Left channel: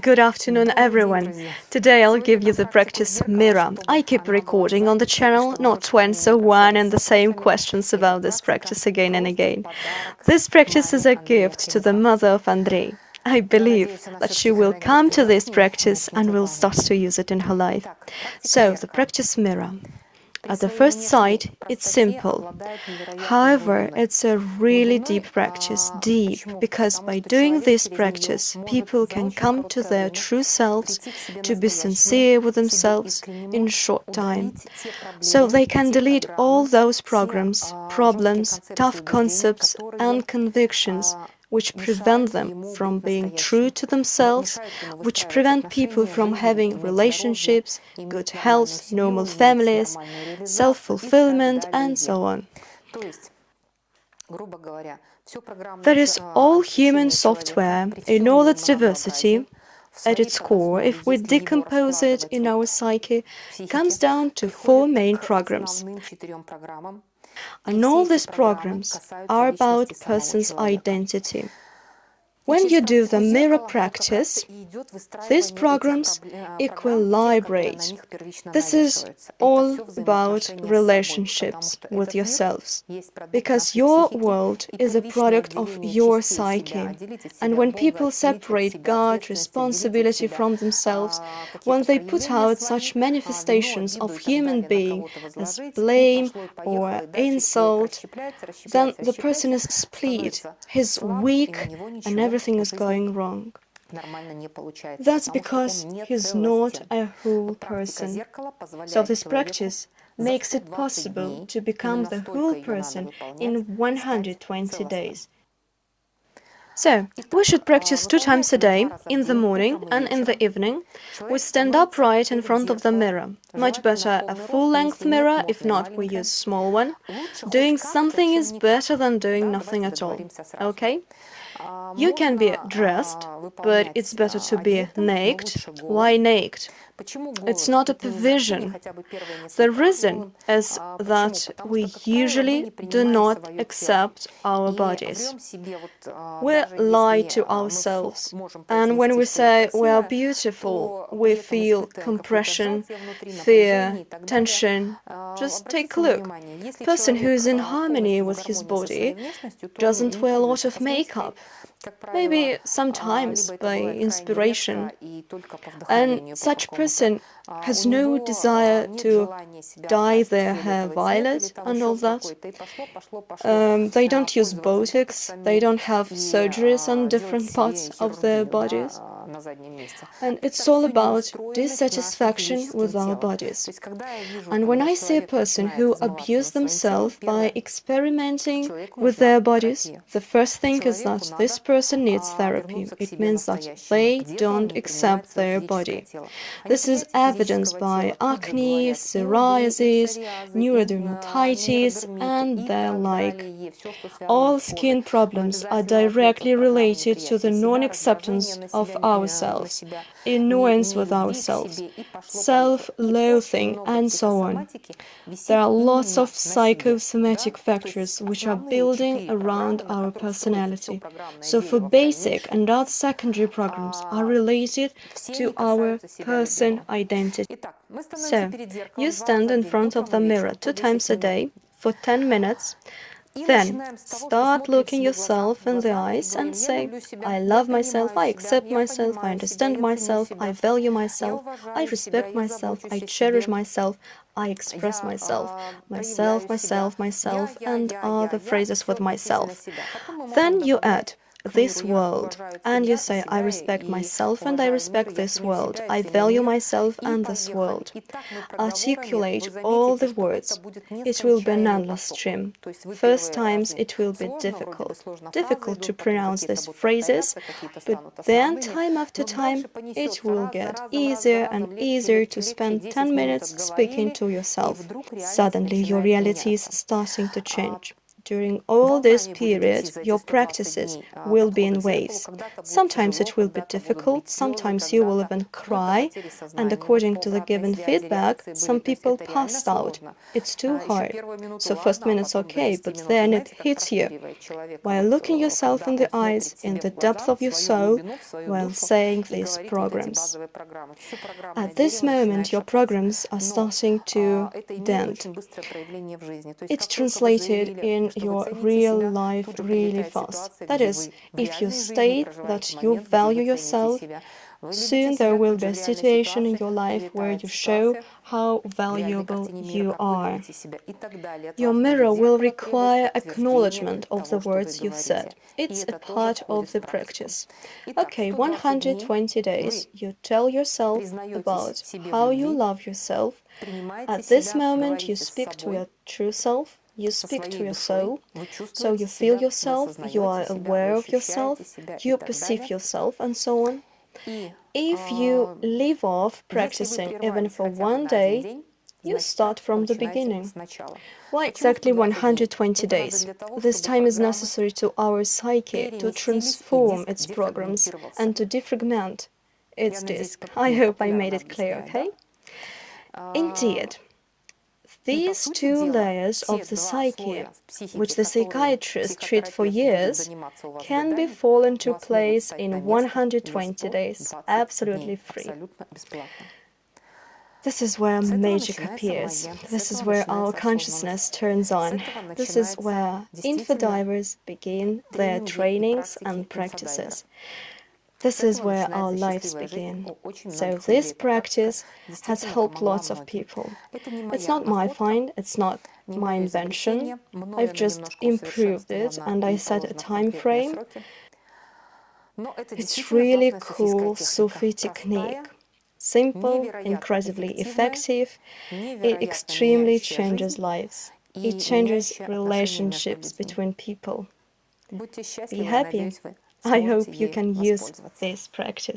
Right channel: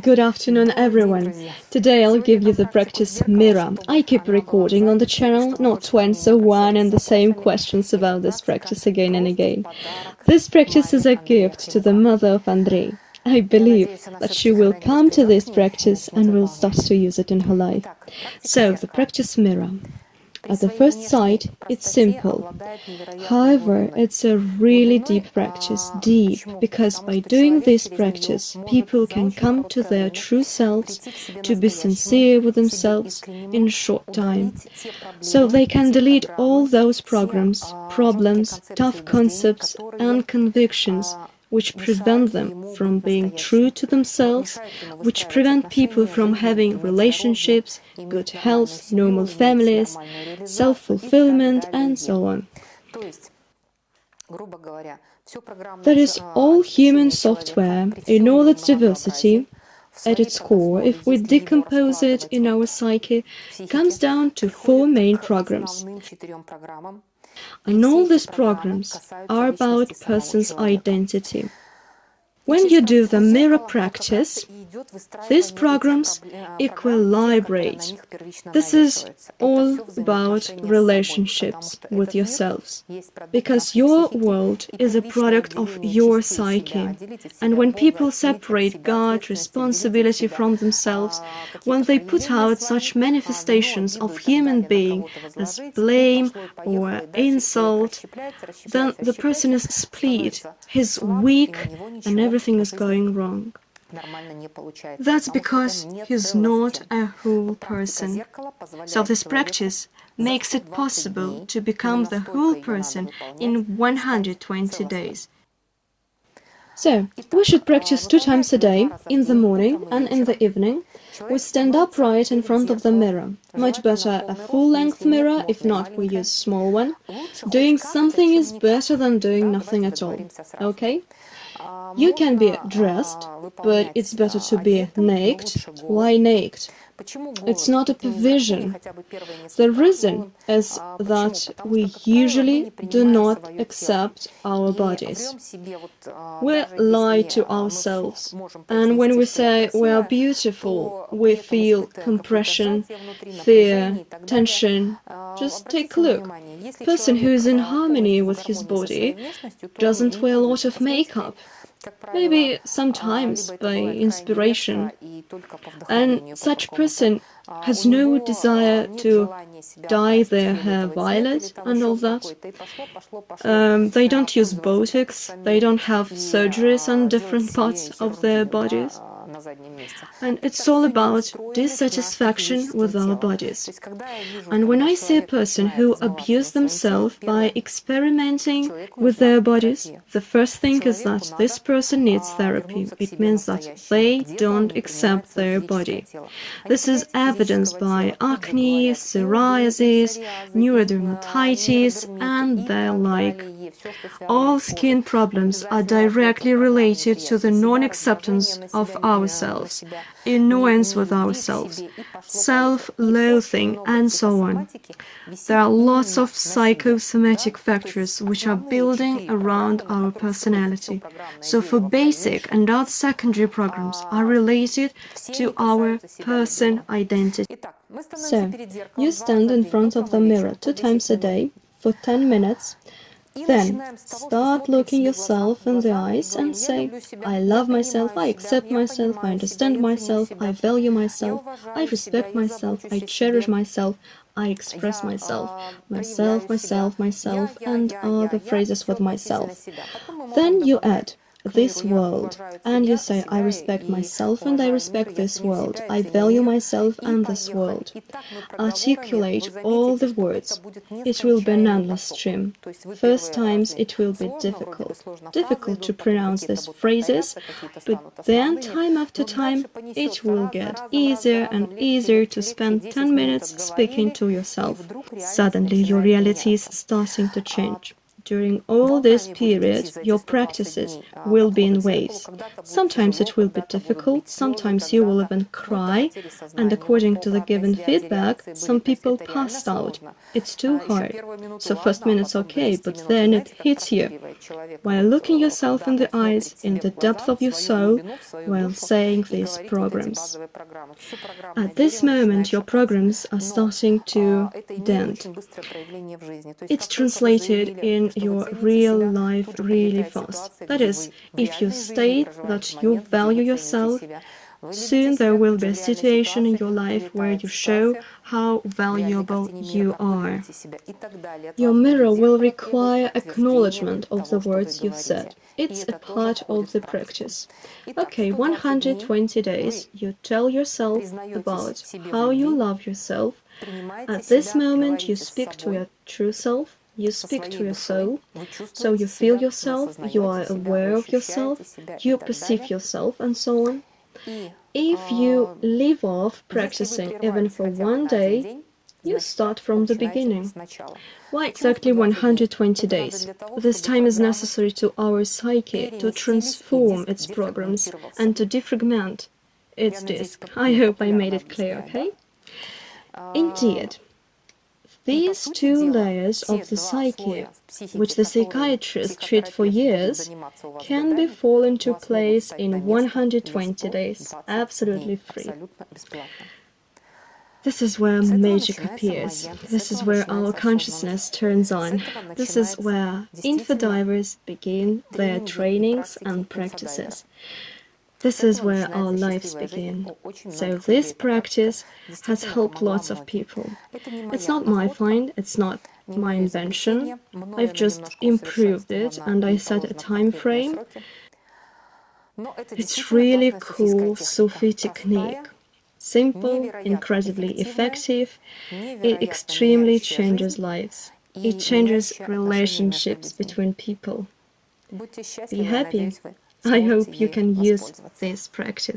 Good afternoon, everyone. Today I'll give you the practice mirror. I keep recording on the channel, not to answer one and the same questions about this practice again and again. This practice is a gift to the mother of Andrei. I believe that she will come to this practice and will start to use it in her life. So, the practice mirror. At the first sight, it's simple. However, it's a really deep practice, because by doing this practice, people can come to their true selves, to be sincere with themselves in a short time. So they can delete all those programs, problems, tough concepts, and convictions which prevent them from being true to themselves, which prevent people from having relationships, good health, normal families, self-fulfillment, and so on. That is all human software in all its diversity. At its core, if we decompose it in our psyche, comes down to four main programs. And all these programs are about a person's identity. When you do the mirror practice, these programs equilibrate. This is all about relationships with yourselves, because your world is a product of your psyche. And when people separate God, responsibility from themselves, when they put out such manifestations of human being as blame or insult, then the person is split, he's weak, and everything is going wrong. That's because he's not a whole person. So this practice makes it possible to become the whole person in 120 days. So, we should practice 2 times a day, in the morning and in the evening. We stand upright in front of the mirror. Much better a full-length mirror, if not we use small one. Doing something is better than doing nothing at all, okay? You can be dressed, but it's better to be naked. Why naked? It's not a provision. The reason is that we usually do not accept our bodies. We lie to ourselves, and when we say we are beautiful, we feel compression, fear, tension. Just take a look. A person who is in harmony with his body doesn't wear a lot of makeup. Maybe sometimes by inspiration. And such person has no desire to dye their hair violet and all that. They don't use Botox, they don't have surgeries on different parts of their bodies. And it's all about dissatisfaction with our bodies. And when I see a person who abuses themselves by experimenting with their bodies, the first thing is that this person needs therapy. It means that they don't accept their body. This is evidenced by acne, psoriasis, neurodermatitis, and the like. All skin problems are directly related to the non-acceptance of ourselves, annoyance with ourselves, self-loathing, and so on. There are lots of psychosomatic factors which are building around our personality. So for basic and other secondary programs are related to our person identity. So, you stand in front of the mirror 2 times a day for 10 minutes. Then, start looking yourself in the eyes and say, I love myself, I accept myself, I understand myself, I value myself, I respect myself, I cherish myself, I express myself, myself, and all the phrases with myself. Then you add this world, and you say, I respect myself and I respect this world, I value myself and this world. Articulate all the words. It will be an endless stream. First times it will be difficult to pronounce these phrases, but then time after time it will get easier and easier to spend 10 minutes speaking to yourself. Suddenly your reality is starting to change. during all this period, your practices will be in waves. Sometimes it will be difficult, sometimes you will even cry, and according to the given feedback, some people passed out. It's too hard. So first minute's okay, but then it hits you. While looking yourself in the eyes, in the depth of your soul, while saying these programs. At this moment, your programs are starting to dent. It's translated in your real life really fast. That is, if you state that you value yourself, soon there will be a situation in your life where you show how valuable you are. Your mirror will require acknowledgement of the words you've said. It's a part of the practice. Okay, 120 days, you tell yourself about how you love yourself. At this moment, you speak to your true self, you speak to your soul, so you feel yourself, you are aware of yourself, you perceive yourself, and so on. If you leave off practicing even for one day, you start from the beginning. Why exactly 120 days? This time is necessary to our psyche to transform its programs and to defragment its disk. I hope I made it clear, okay? Indeed, these two layers of the psyche, which the psychiatrists treat for years, can be fall into place in 120 days, absolutely free. This is where magic appears. This is where our consciousness turns on. This is where infodivers begin their trainings and practices. This is where our lives begin. So this practice has helped lots of people. It's not my find, it's not my invention. I've just improved it and I set a time frame. It's really cool Sufi technique. Simple, incredibly effective. It extremely changes lives. It changes relationships between people. Be happy. I hope you can use this practice.